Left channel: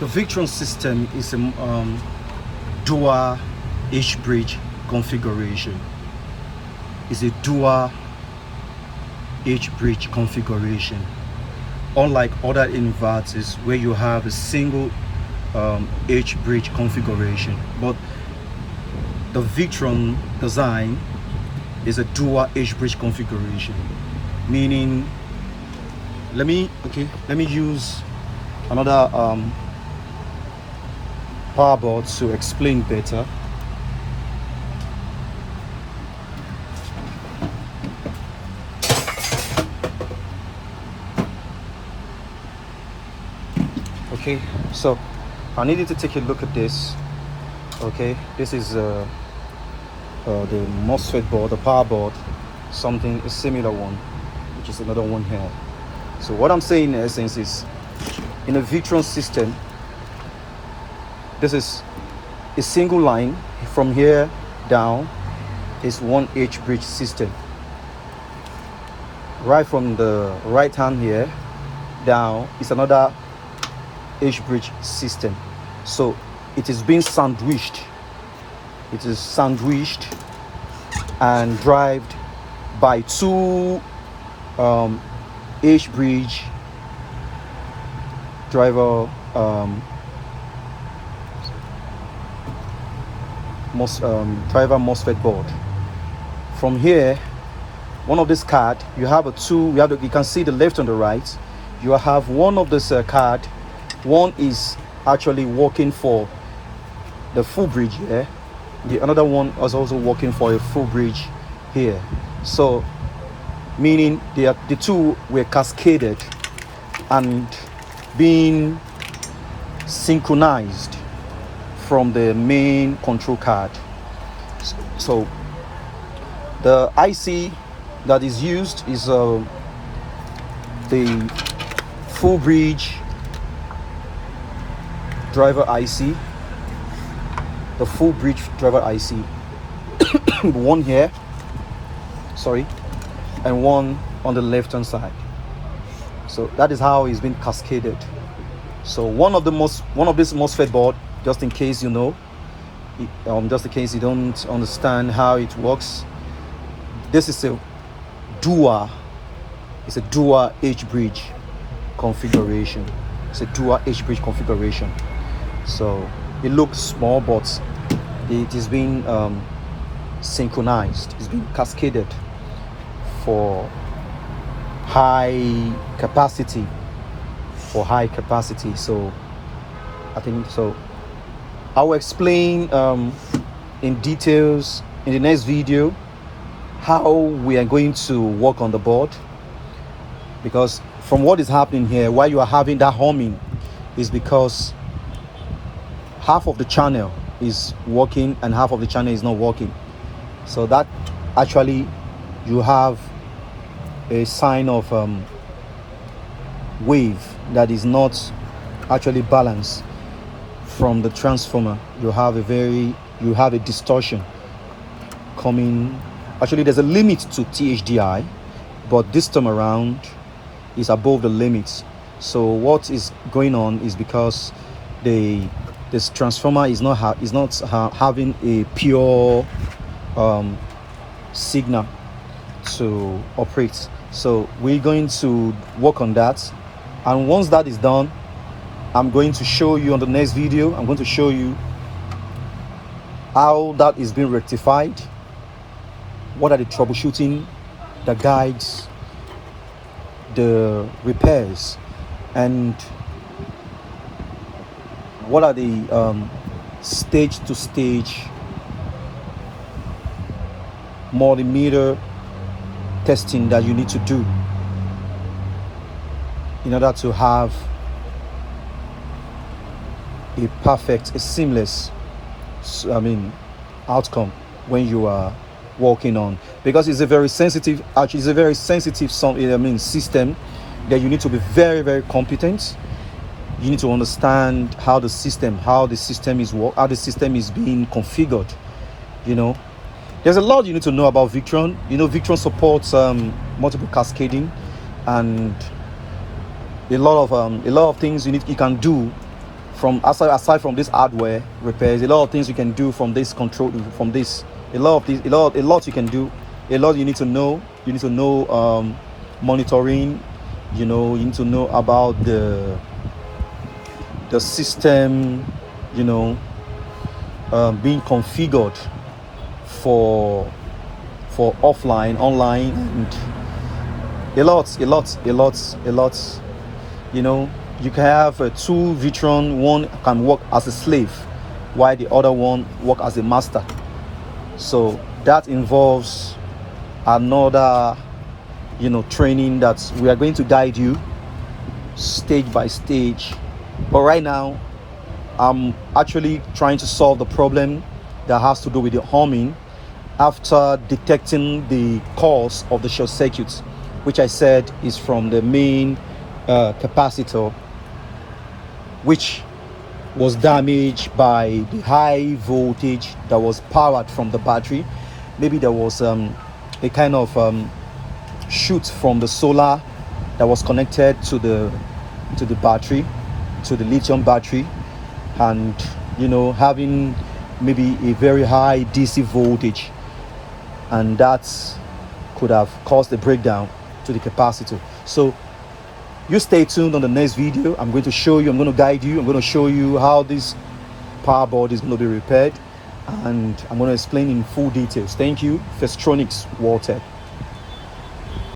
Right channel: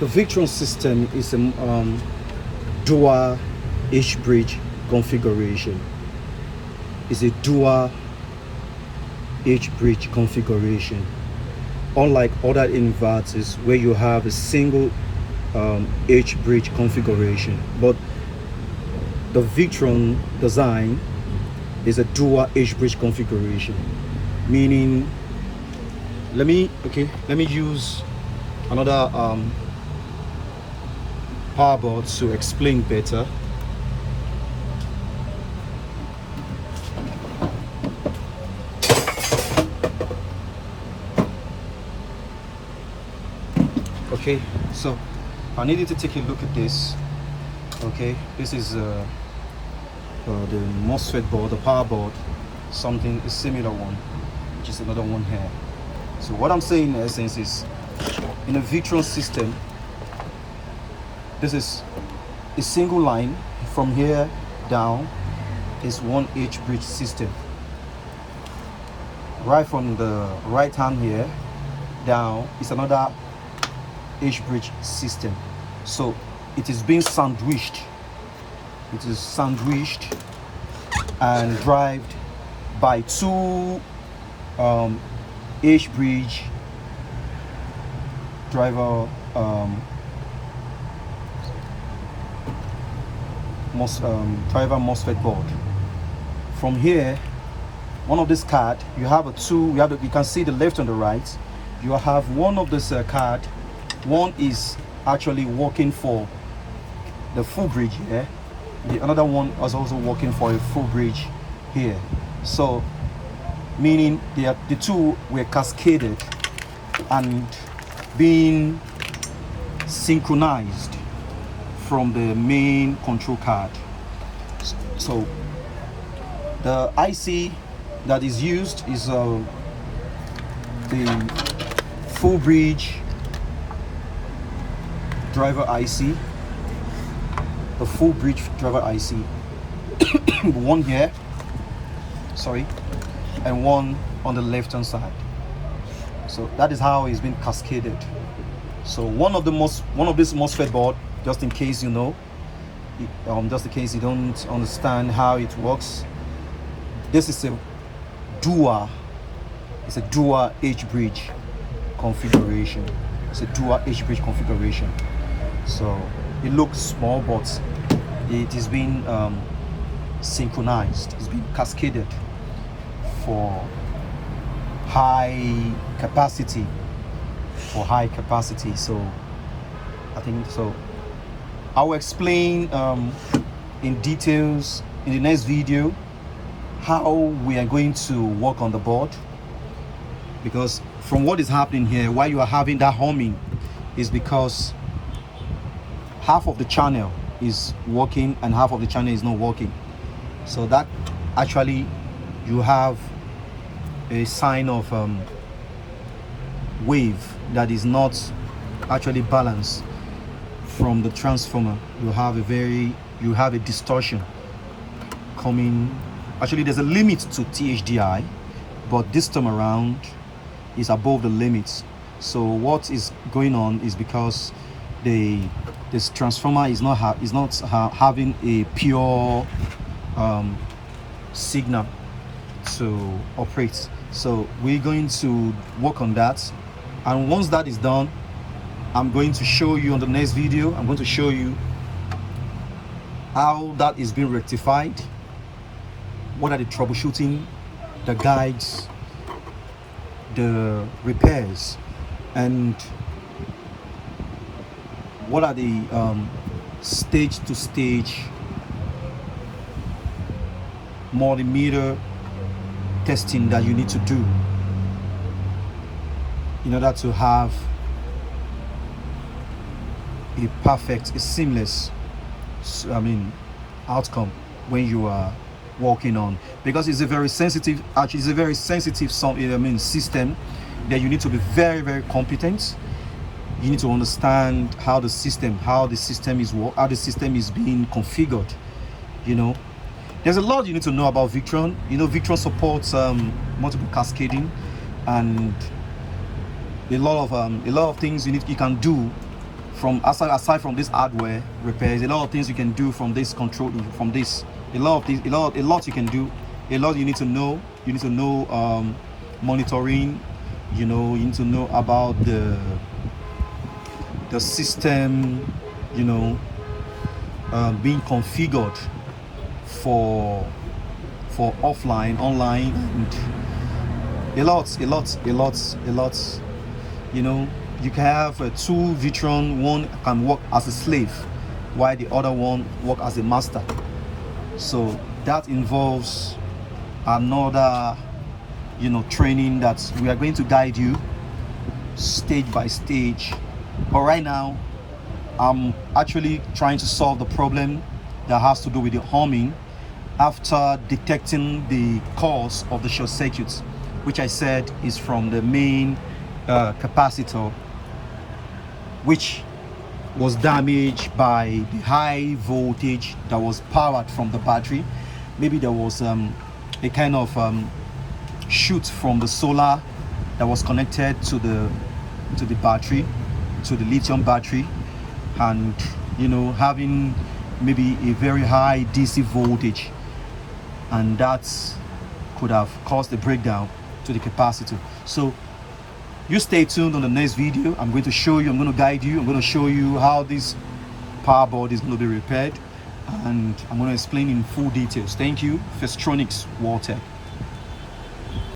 The victron system is a dual H-bridge configuration. It's a dual H-bridge configuration, unlike other inverters where you have a single H-bridge configuration. But the victron design is a dual H-bridge configuration, meaning let me use another power board to explain better. Okay, so I need you to take a look at this. Okay, this is the MOSFET board, the power board, something a similar one, which is another one here. So what I'm saying in essence is, in a victron system, this is a single line from here down is one H-bridge system. Right from the right hand here down is another H-bridge system. So it is being sandwiched. It is sandwiched and driven by two H-bridge driver driver MOSFET board. From here, one of this card, you have a two. You can see the left and the right. You have one of this card. One is actually working for the full bridge here. The another one was also working for a full bridge here. So meaning the two were cascaded and being synchronized from the main control card. So the IC that is used is the full bridge driver IC, the full bridge driver IC, one here, sorry, and one on the left hand side. So that is how it's been cascaded. So one of this MOSFET board, just in case you know, just in case you don't understand how it works, this is a dual. It's a dual H-bridge configuration. It's a dual H-bridge configuration. So it looks small, but it is being synchronized. It's being cascaded for high capacity. So I think so. I will explain in details in the next video how we are going to work on the board, because from what is happening here, why you are having that humming is because half of the channel is working and half of the channel is not working. So that actually you have a sign of wave that is not actually balanced from the transformer. You have a distortion coming. Actually, there's a limit to THDI, but this time around is above the limits. So what is going on is because this transformer is not having a pure signal to operate. So we're going to work on that, and once that is done, I'm going to show you on the next video. I'm going to show you how that is being rectified, what are the troubleshooting, the guides, the repairs, and what are the stage to stage multimeter testing that you need to do in order to have a perfect, a seamless outcome when you are working on, because it's a very sensitive, actually it's a very sensitive system that you need to be very, very competent. You need to understand how the system is being configured. You know, there's a lot you need to know about Victron. You know, Victron supports multiple cascading and a lot of things you can do from aside from this hardware repairs, a lot of things you can do from this control, from this, a lot you can do, a lot you need to know. You need to know monitoring, you need to know about the system, being configured for offline, online, and a lot. You can have two victron. One can work as a slave while the other one work as a master. So that involves another training that we are going to guide you stage by stage. But right now I'm actually trying to solve the problem that has to do with the humming after detecting the cause of the short circuits, which I said is from the main capacitor, which was damaged by the high voltage that was powered from the battery. Maybe there was a kind of shoot from the solar that was connected to the battery, to the lithium battery, and having maybe a very high DC voltage, and that could have caused a breakdown to the capacitor. So you stay tuned on the next video. I'm going to show you, I'm going to guide you, I'm going to show you how this power board is going to be repaired, and I'm going to explain in full details. Thank you. Festronics World Tech.